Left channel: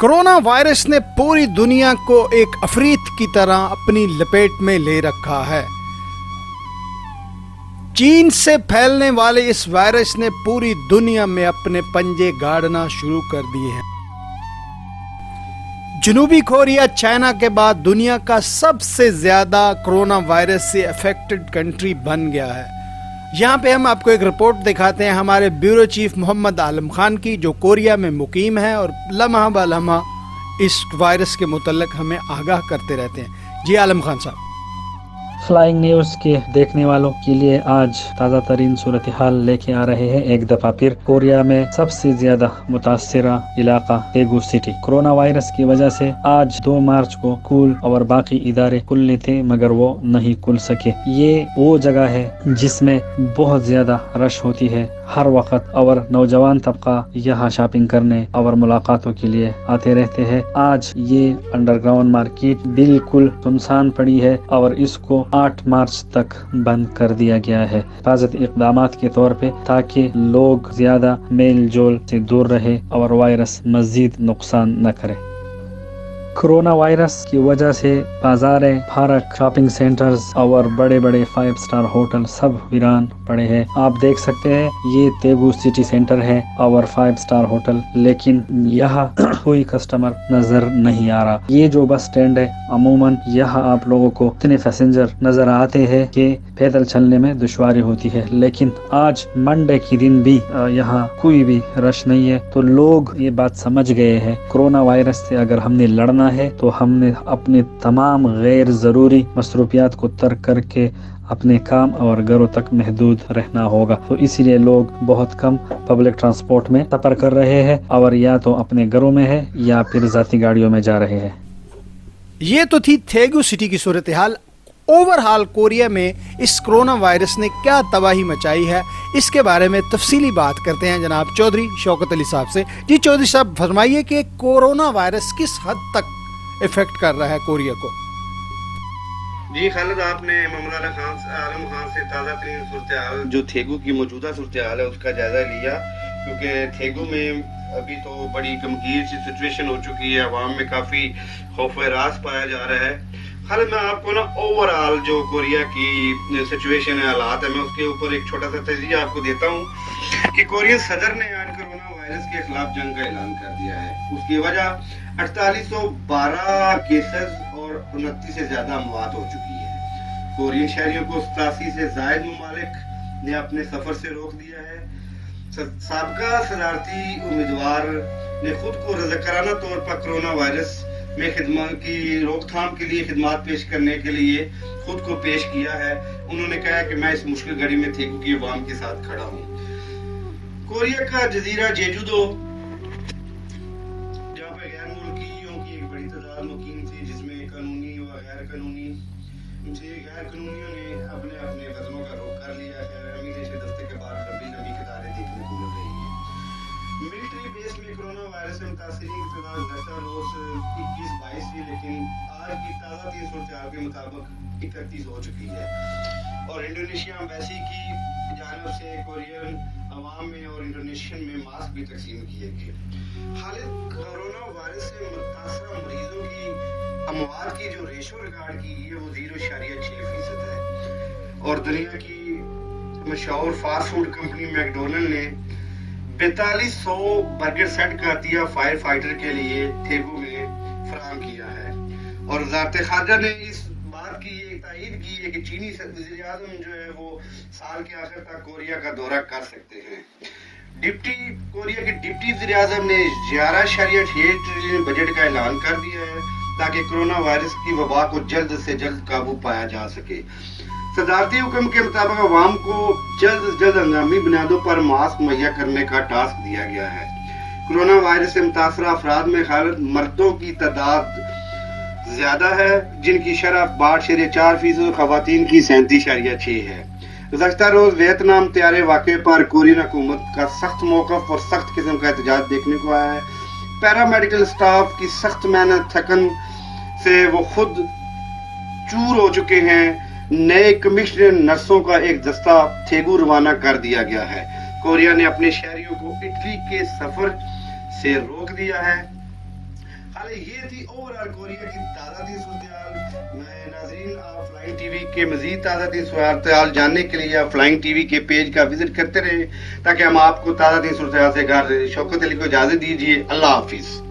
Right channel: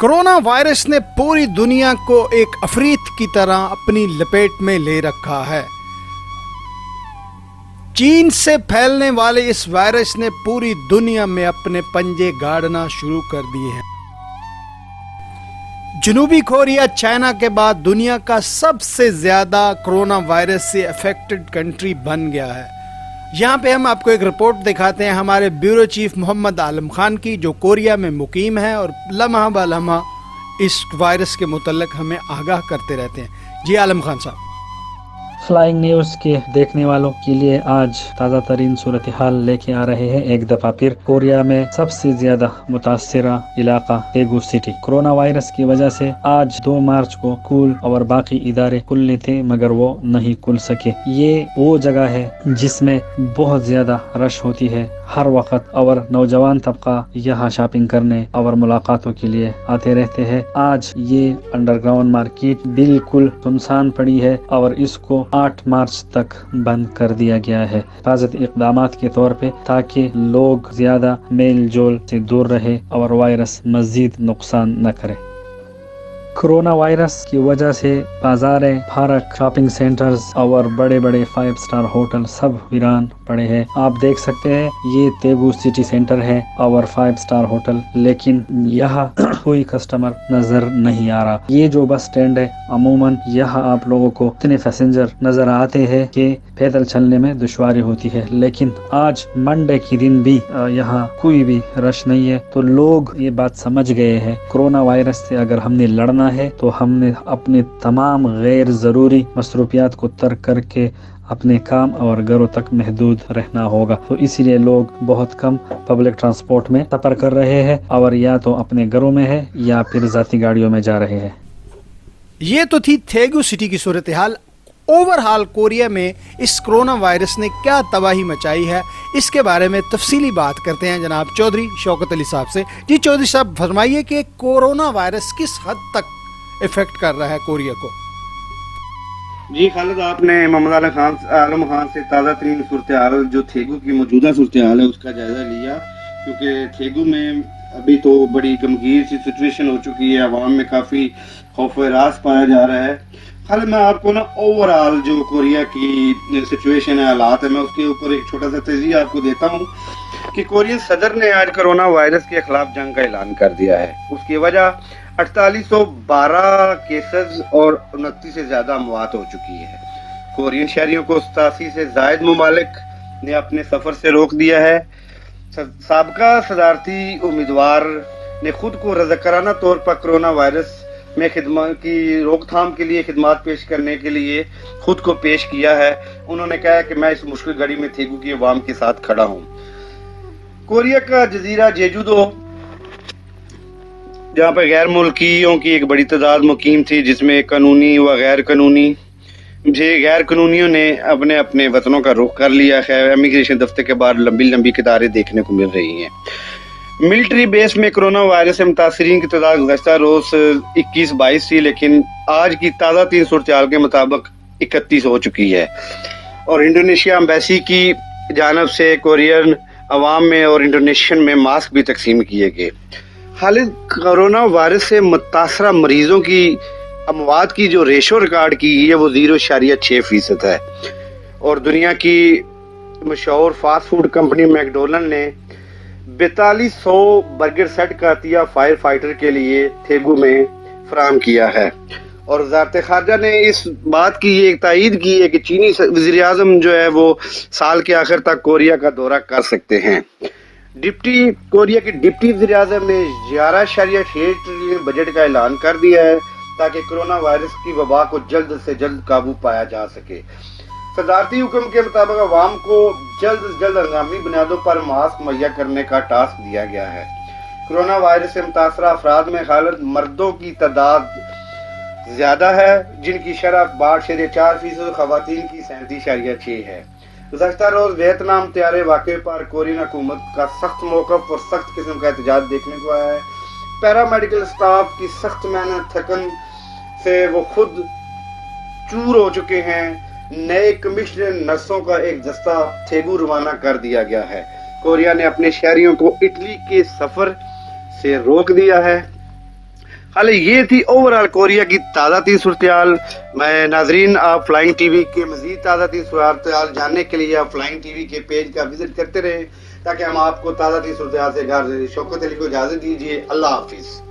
Corona virus ने पूरी दुनिया को एक अफरीत की तरह अपनी लपेट में ले रखा है। चीन से फैलने वाले इस वायरस ने पूरी दुनिया में अपने पंजे गाड़ना शुरू कर दिए हैं। जनूबी कोरिया चाइना के बाद दुनिया का सबसे ज्यादा कोरोना वायरस से अफेक्टेड कंट्री बन गया है। यहाँ पे हम आपको एक रिपोर्ट दिखाते हैं हमारे ब्यूरो चीफ मोहम्मद आलम खान की, जो कोरिया में मुकीम है और लम्हा ब लम्हा इस वायरस के मुतल्लिक हमें आगाह करते रहते हैं। जी आलम खान साहब। फ्लाइंग न्यूज के देखने वालों के लिए आज ताज़ा तरीन सूरत हाल लेके आ रहे हैं। एक दफा फिर कोरिया में सबसे ज्यादा मुतासरा इलाका तेगू सिटी। कोरोना वायरस की वजह से आज 2 मार्च को स्कूल और बाकी इदारे खुलने थे मगर वो नहीं खुल सके। ये वो जगह है जिसमें बहुत ज्यादा रश होती है हर वक्त, और नौजवान तबका यहाँ शॉपिंग करने और मुलाकातों के लिए आते रहते हैं। आज ये अंडरग्राउंड मार्केट बिल्कुल सुनसान पड़ी है और इसको 8 मार्च तक बंद कर दिया गया है हिफाजती इक़दामात के तौर पे, ताकि लोग ज्यादा मेल जोल से दूर रहे और वायरस मजीद नुकसान न करे। कोरोना वायरस की वजह से बाजारें, पार्क, शॉपिंग सेंटर्स और बड़े बड़े 5 स्टार होटल सब वीरान पड़े हैं। आप देख सकते हैं ये तेगू सिटी सेंटर है और 5 स्टार होटल, लेकिन यहाँ कोई कस्टमर नजर नहीं आ रहा। ये जो बस स्टैंड है अमूमन यहाँ आप लोगों को इतने पैसेंजर नजर आते हैं कि पैदल चलने में दुश्वारी होती है, लेकिन आज मंडे के दिन भी यहाँ कोई भी रश नहीं है। तो लोग ये बात समझ गए हैं कोरोना वायरस से अगर हमने लड़ना है तो हमने अपने तमाम गैर जरूरी मसरूफियात को तर्क करके अपने काम और घरों तक महदूद रहना होगा। तो इसीलिए लोग बहुत कम पब्लिक ट्रांसपोर्ट में सफर कर रहे हैं और या तो अपने घरों में है या फिर जाती गाड़ियों में जा रहे हैं। ये तो थी तेगू सिटी की सूरत हाल। ओवरऑल कोरिया में इस कोरोना वायरस ने क्या तबाही मचाई है, इसके बारे में तफसीली बात करते हैं जनाब चौधरी शौकत अली साहब से। जी चौधरी साहब, फरमाइए कि कोरोना वायरस किस हद तक इफेक्ट कर रहा है कोरिया को। जी खालिद, आपने मोहम्मद आलम खान से ताज़ा तरीन सूरत हाल जो तेगू की मौजूदा सूरत हाल है उसका जायजा लिया, क्योंकि तेगू में अभी तो बड़ी गमगीर सी सिचुएशन हो चुकी है। अवाम में काफ़ी खौफ रास पाया जा रहा है। खालिद, मैं आपको ना ओवरऑल जो कोरिया की सिचुएशन है, हालात है, मैं उसके ऊपर एक छोटा सा तजिया आपको देता हूँ कि कोरियन सदर ने आज कोरोना वायरस के खिलाफ जंग का ऐलान कर दिया है। उसकी वजह 4812 केसेस और 29 से ज्यादा अमवात हो चुकी है। कोरियन शहरियों को 87 से जायद ममालिक ने अपने सफर से रोक दिया है। साबका सदारती उम्मीदवार ने खुद को रज़ाकाराना तौर पर कोरोना वायरस में खिदमत की रोकथाम के लिए खिदमत पेश करने के लिए खुद को पेश किया है। उन्होंने कहा कि मैं इस मुश्किल घड़ी में तेगू की अवाम के साथ खड़ा हूँ। कोरिया का जजीरा जेजूदो, जहाँ पर गैर मुल्कियों की एक बड़ी तादाद मुकीम थी, जिसमें कानूनी व गैर कानूनियों ने अपने अपने वतनों का रुख कर लिया है। इमिग्रेशन दफ्तर के बाहर लंबी लंबी कतारें देखने को मिल रही हैं। मिलिट्री बेस में कोरोना वायरस से मुतासरीन की तादाद गुज़श्ता रोज 21-22 थी, लेकिन आज की ताज़ा 3 सूरत हाल के मुताबिक 31 हो चुकी है। और इंडोनेशिया एम्बेसी की जानब से कोरियन अवाम में और इंडोनेशियन में मास्क भी तकसीम किए गए। खालिद, कोरोना वायरस से मुतासरा मरीजों की अमवात की जो रेशो रिकॉर्ड की गई है वो 0.6% है। और दुनिया की मशहूर फास्ट फूड कंपनी मैकडोनल्ड ने 4200 बर्गर सेट का अतिया फायर फाइटर के लिए तेगू में फराहम किया है। और वज़ारत ख़ारजा ने इस बात की एक तायीद की है कि चीनी वज़ीर आज़म जो है वो साल के आखिर तक कोरिया का दौरा कर सकते हैं। कोरिया के डिप्टी वज़ीर आज़म ने 11.6 ट्रिलियन बजट का ऐलान कर दिया है ताकि कोरोना वायरस की वबा को जल्द से जल्द काबू पाया जा सके। सदारती हुक्म के मुताबिक अवाम को जल्द से जल्द हंगामी बुनियादों पर मास्क मुहैया करने का टास्क दिया गया है। कोरोना वायरस से मुतासरा अफराद में खालिद मर्दों की तादाद ज्यादा है, जिनकी शरह 62.4% और खवातीन की 37.6 है। गुज़श्ता रोज वियतनाम तैयारे वाक़े पर कोरियन हुकूमत का सख्त मौक़िफ़ और सख्त किस्म का एहतजाज देखने को आया है। पैरामेडिकल स्टाफ की सख्त मेहनत थकन से वो खुद चूर हो चुके हैं। नए कमिश्नर नर्सों का एक दस्ता तेगू रवाना कर दिया गया है। कोरिया ने अपने शहरियों को इटली के सफर से रोक दिया है। حال یہ تھی اوور آل کوریا کی تازہ ترین صورتحال. میں ناظرین آپ فلائنگ ٹی وی کے مزید تازہ ترین صورتحال جاننے کے لیے آپ فلائنگ ٹی وی کے پیج کا وزٹ کرتے رہیں تاکہ ہم آپ کو تازہ ترین صورتحال سے گھر شوکت علی کو اجازت دیجیے. اللہ حافظ.